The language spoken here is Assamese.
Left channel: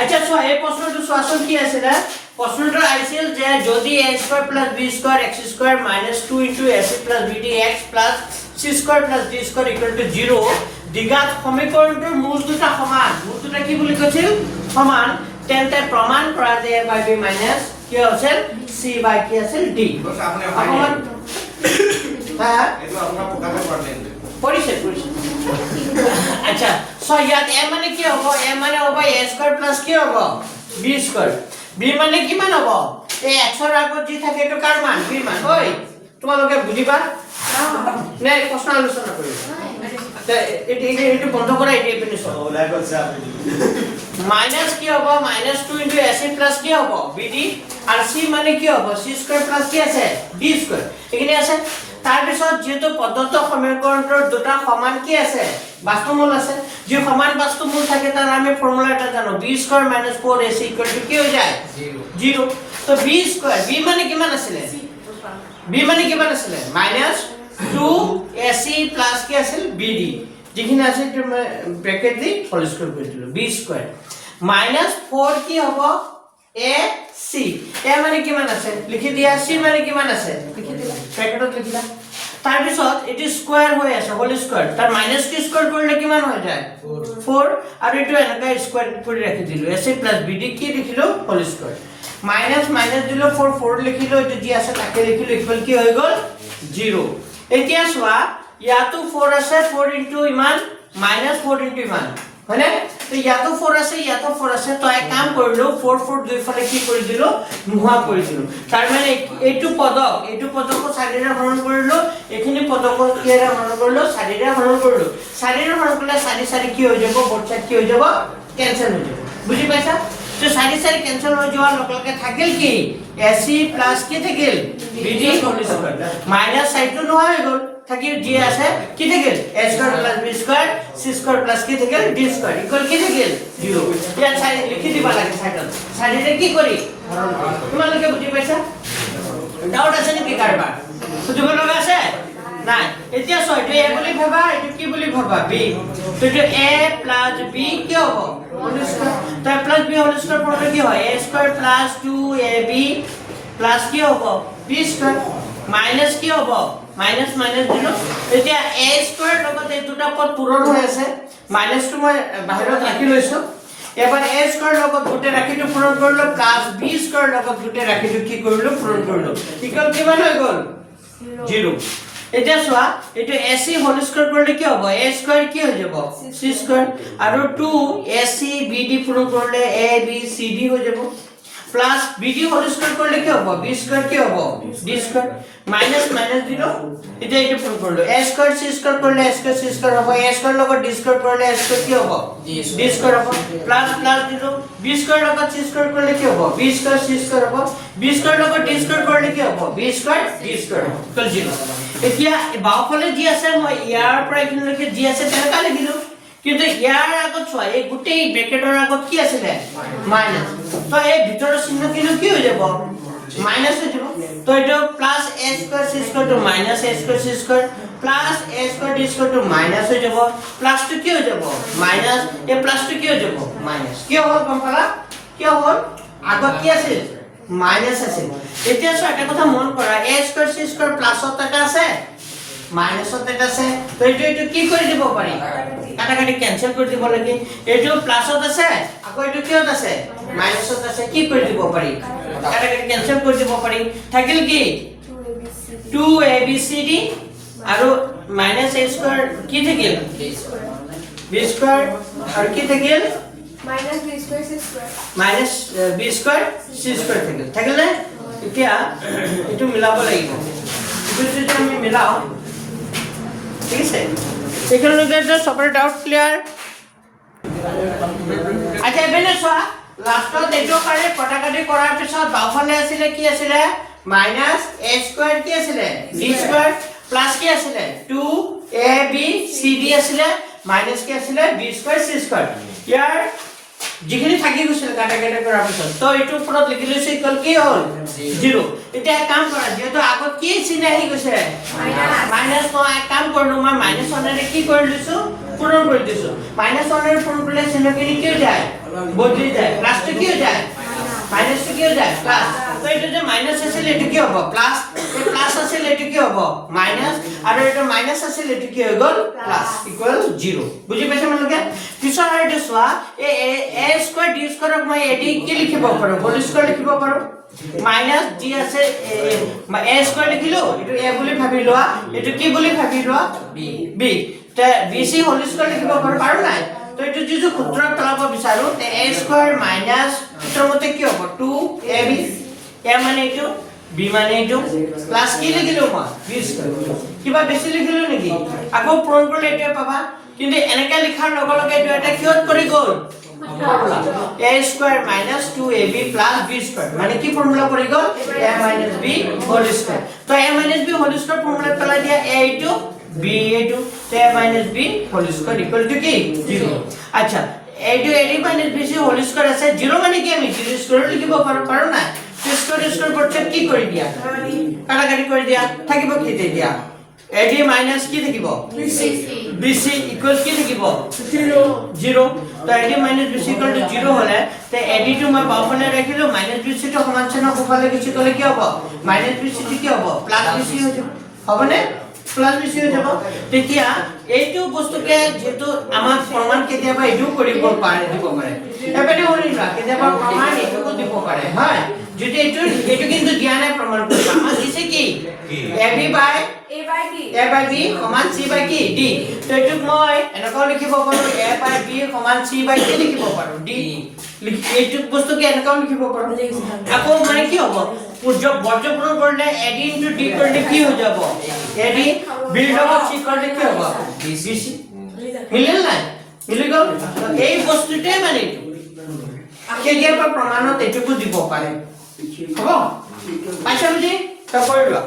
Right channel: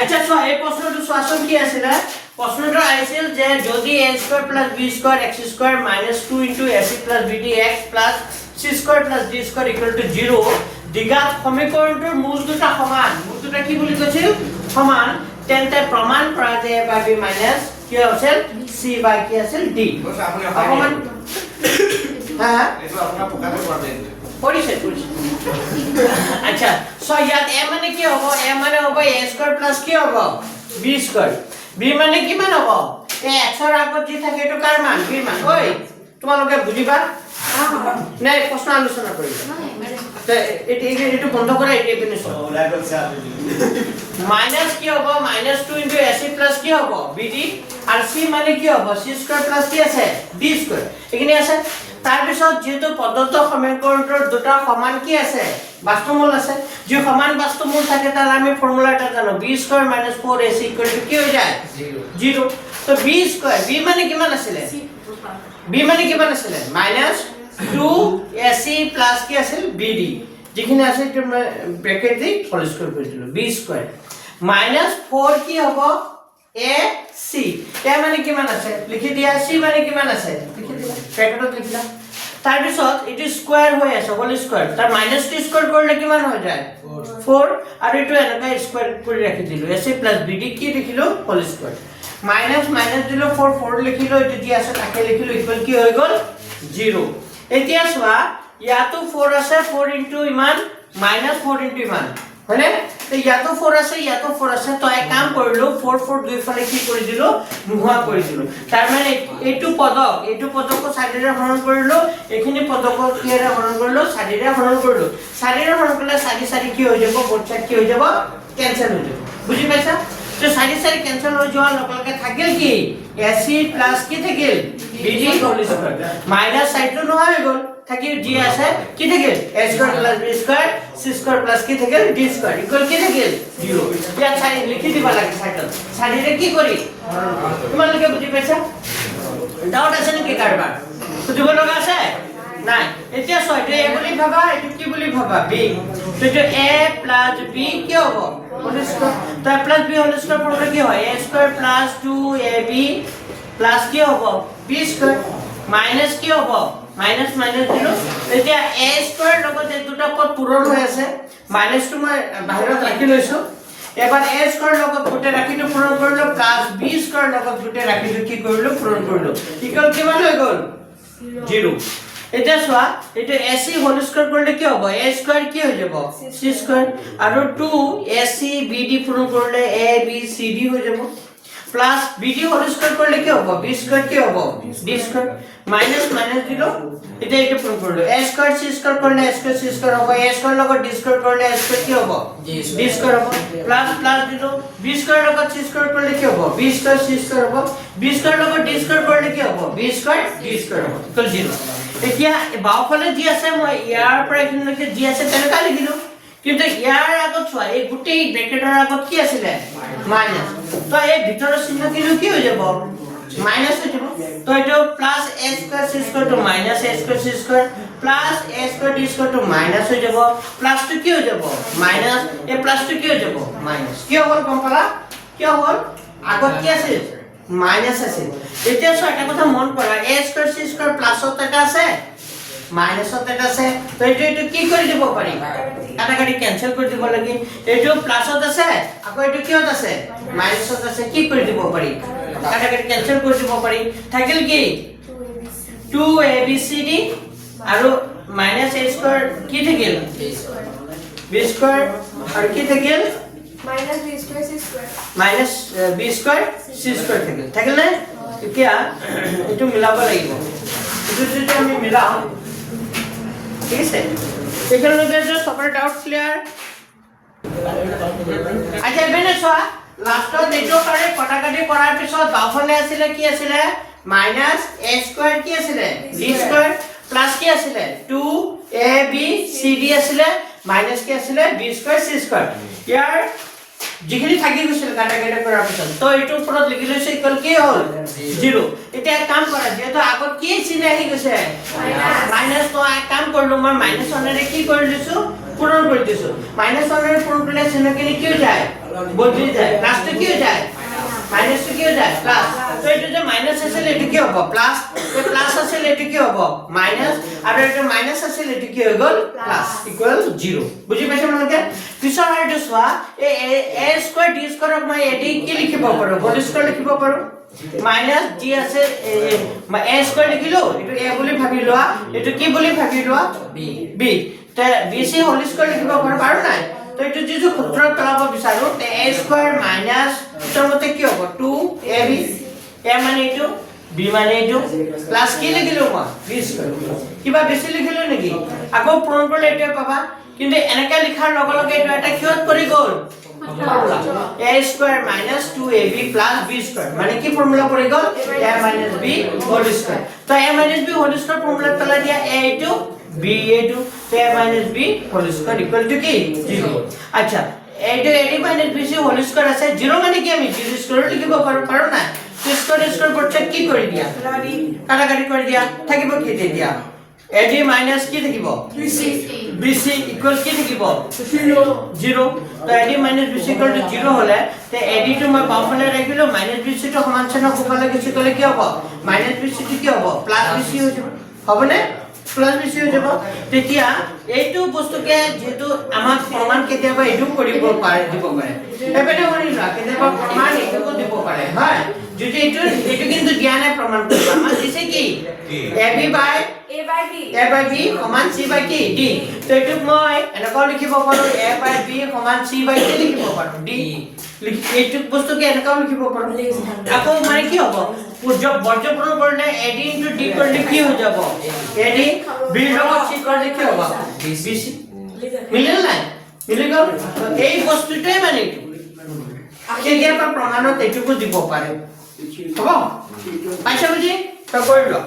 আচ্ছা সো এই প্রশ্নটো সরাসরি কি আছে না প্রশ্নটো আইছিল যে যদি a² + b² x² - 2 * ac + bd x + c² + d² = 0 দ্বিঘাত সমীকৰণটোৰ মূল দুটা সমান মূল দুটা কি বুলি কৈছিল সমান তেন্তে প্ৰমাণ কৰা যে a / b - কি আছিল c / কি আছিল d অকমান হ্যাঁ এইটো আপোনাৰ পোকাতে পড়ে পৰিছে আচ্ছা সো ইয়াত a মানে কি হ'ব a মানে হ'ব a² + কি হ'ব b² b মানে কিমান হ'ব এই x ৰ আগত যি থাকে এটো কাৰ মান b মান ওই তোমালোকে বুজিবা নাই প্ৰশ্ন আলোচনা কৰিবা এটো বন্ধ কৰা এই পিনে সব ওলাই গৈছে আপুনি মাইনাস কি হ'ব -2 * ac + কি হ'ব bd আর c মানে কি হ'ব c² + কি আছে d² এখানে আছে তাৰ পিছত যেটো পদ্ধতি সমীকৰণৰ দুটা সমান কি আছে বাস্তুমূল আছে যে সমান বাস্তুমূল থাকে তাৰ আমি ফৰ্মুলা এটা জানো b² - 4ac = কি হৈ যায় 0 তো b² b মানে কিমান আছিল b মানে কিমান আছিল -2ac + কি আছিল bd যেখানে আছে ব্র্যাকেট দি হোল স্কয়ার কৰি দিলো b² -4 কি হ'ব ac a মানে কিমান আছে লিখি দিয়া c মানে কিমান আছে লিখি দিলা ব্র্যাকেটত লিখিলা তাৰ পিছত এটো স্কয়াৰ হৈ আছে হোল স্কয়াৰ তাৰ -2² কৰিলে কিমান হৈ যায় 4 আৰু এটো এনেকা স্কয়াৰ কৰি ৰাখি দিলো ac + bd কি লিখিলো হোল স্কয়ার মাইনাস দিলো 4 লিখিলো এটো দি আছে তাকে লিখিলো ইকুয়াল কি হৈ গল 0 এতিয়া চোৱা ইয়াতো 4 আছে 4 * ইমান -4 * ইমান হয়নে তো ইয়াতো 4 আছে তো এক কাম কৰিলো 4 দুই ফালে কি কৰি দিলো নোহোৱা কৰি দিলো তাৰ মানে এইটো পদক চাৰিৰে হৰণ কৰিলো এখিনি পদক কিৰে হৰণ কৰিলো চাৰিৰে হৰণ কৰিলো চাৰিৰে হৰণ কৰিলে 4 কি হৈ যাব বৰ্ডছাত কি হৈ যাব কেনসেল হৈ যাব বুজি পাইছা তো 4 কেনসেল হৈ যোৱাৰ লগে থাকিল কি ac + কি থাকিল bd হোল স্কয়ার মাইনাস সাইডটো নহয় হৈ গল থাকিল জি আছে কি থাকিল a² + b² c² + কি থাকিল d² ইকুয়াল কি থাকিল 0 ইয়া চাই লিখি দিবা লাগে সাইডত সাইডে কি কৰি তোমালোকে বুজি পাইছা ডাউট আছে নেকি কাৰবাৰ বুজিব লগা আছে নাই এতিয়া ছয়টো a বুলি ভাবা এটো কি বুলি ভাবা b তো এটো a + b কি হ'ব হোল স্কয়ার তো + b হোল স্কয়ার পড়লে কি হয় a² + 2ab + কি হ'ব b² মাইনাস কি হ'ব মাইনাস দিলো এতিয়া a² লগত এই দুটা পদ পূৰণ হৈ আছে মাইনাসটো মই বাহিৰত ৰাখি লৈছো এবাৰ a² লগত গুটে ৰাখিটো পূৰণ কৰিলো + b² লগত গুটে ৰাখিটো কি কৰিলো পূৰণ কৰিলো ইকুয়াল কিমান হৈ গল 0 এটা সোয়া এটা ac হোল স্কয়ার করলে কি হবে a² কি হৈ যাব c² আৰু 2ac bd পূরণ করলে ab cd হৈ যাব প্লাস bd হোল স্কয়ার করলে কি হবে b² কি হবে d² মাইনাস দিল এটা পূরণ করলো a² c² করলে a² c² হবে a² লগত d² করলে a² কি হবে d² হবে প্লাস দিল b² লগত c² করলে কি হবে b² c² হবে b² লগত d² করলে কি হবে b² d² হবে ইকুয়াল 0 এতিয়া বাওফালে জি আছে মই ইয়াৰ পৰা এখিনলৈকে জি আছে তেনেকা লিখিলো কিন্তু ইয়াৰ আগত চোৱা এই গুটেই ব্ৰ্যাকেটৰ আগত কি আছিল মাইনাস তো এই ভিতৰৰ চিহ্ন কি হৈ যাব মাইনাস হৈ যাব তো এটা +a² c² to -a² c² +a² d² to minus হৈ যাব প্লাস টু কি হৈ যাব মাইনাস এই প্লাস টু কি হৈ যাব মাইনাস কি হ'ল গম পালা কি হ'ল আগত কি আছিল মাইনাস আছে এতিয়া সো এটা কথা মন কৰা a² c² প্লাসত এটা আছে মাইনাসত এটা আছে তো এটো কি কৰি দিব পাৰি কাটাকাটি ক্যান্সেল কৰি দিব লাগে এটো প্লাসত আছে আকৌ এটো কিহত আছে মাইনাসত আছে কি কৰি দিব পাৰি কাটাকাটি ক্যান্সেল কৰি দিব পাৰি থাকিল কি 2abcd আৰু -a² কি থাকিল b² আৰু কি থাকিল -b² c² থাকিল না এতিয়া এটো মিলাব লাগিব এটো যদি আমি মিলাও ঠিক আছে এখানে লগে যে সবরে ডাউট ক্লিয়ার আচ্ছা এবেনে সোয়া লাস্টত এটো কারে কটাকাটি কৰাৰ পিছত বাওফালে আছিল কি আছিল -a² কি আছিল d² প্লাস কি আছিল 2ab cd আছিল মাইনাস কি আছিল b² c² ইয়াৰ যিখিনি থাকি গৈছিল কাটা কাটা কৰাৰ পিছত তো এইটো ওপৰত লিখি লৈছো ইকুৱেল কি হ'ল 0 এতিয়া এক কাম কৰা যেহেতু আগত কি চিহ্ন আহি গৈছে মাইনাস তো এক কাম কৰিলো মই মাইনাস ওৱানেৰে কি কৰি লৈছো পূৰণ কৰি দিছো মাইনাস ওৱানেৰে পূৰণ কৰিলে চিহ্নখিনি কি হৈ যায় বদলি যায় প্লাসটো কি হৈ যায় মাইনাস কি হৈ যায় প্লাস তো এইটো যে মাইনাস আছিল এটো কি হ'ব প্লাস এই প্লাস আছিল এটো কি হ'ব মাইনাস আৰু এটা মাইনাস আছিল এটো কি হৈ গ'ল প্লাস ইকুৱেল 0 বুজি পাইছে মানুহকে পিছৰ আৰটো চোৱা a স্কয়াৰ d স্কয়াৰক মই ad কি লিখিব পাৰো হোল স্কয়াৰ লিখিব পাৰো মাইনাস d আছে a স্কয়াৰ লিখিলো এটো a বুলি ভাবি লোৱা এটো কি বুলি ভাবি লোৱা b তে bc হোল স্কয়াৰ লিখিব পাৰো নাই তো এটো যদি সূত্ৰত পেলাব বিচাৰো তে a স্কয়াৰ মাইনাস সূত্ৰৰ মতে কি হ'ব 2ab a মানে এটো b মানে এটো প্লাস কি লিখিলো মই b স্কয়াৰ কিবা বেছি লিখিলো নেকি আকৌ পূৰণ কৰিলে এটা পাবা কিন্তু এনেকা লিখাৰ লগে লগে এটো এটা কিহত পৰি গ'ল a square minus 2ab plus b square মানে কি ফৰ্মুলা পৰি গ'ল a minus b whole square তো a minus b whole square formula পেলাই দিয়া a এটো b এটো তো a minus b whole square equal to কি 0 আচ্ছা এটো a minus b whole square আছে 0 মানে কি আমি 0 স্কয়াৰ লিখিব পাৰো না স্কয়াৰ পড়ছে কি কৰি দিয়া কাটাকাটি কৰি দিয়া থাকিব কি দিয়া ad মাইনাস কি থাকিব bc ইকুৱেল কি থাকিব 0 তো ad minus bc equal to 0 হলে তে ad টো মই বাওফালে ৰাখিলো মাইনাস bc টো সমান চিহ্ন কোফালে গুছি গলে কি হ'ব মাইনাস bc টো কি হ'ব প্লাস bc হৈ যাব হবনে প্লাস bc হৈ যাব তেতিয়া এইটো বস্তুকে যেটো আমাক প্ৰমাণ কেতিয়াবা এটো কৰিব পাৰে দিব পাৰে এবেনে হৰিলা কেতিয়াবা প্ৰমাণ এটো দিব পাৰে হয় যদি এটো কিন্তু দিয়া নাই প্ৰমাণ কৰিব আমাৰ দিছে কি ab by a by b সমান c by কি d তো এটো মই এনেকৈ লিখিব পাৰো a by b সমান c by কি লিখিব পাৰো d এইটো বস্তুকে এনেকৈ লিখিব পাৰো আকৌ মানে কি হ'ব বৰ্জপূৰণ কৰিলে ad into d কৰিলে কি হৈ যাব ad b লগত c কৰিলে কি হ'ব bc মিলিল নাই মিলি গ'ল তো এই বস্তুটোই মানে আখিৰ পৰা প্ৰমাণত এটুকু দিব পাৰে হ'ব পাইছা বুজি তো কৰি লোৱা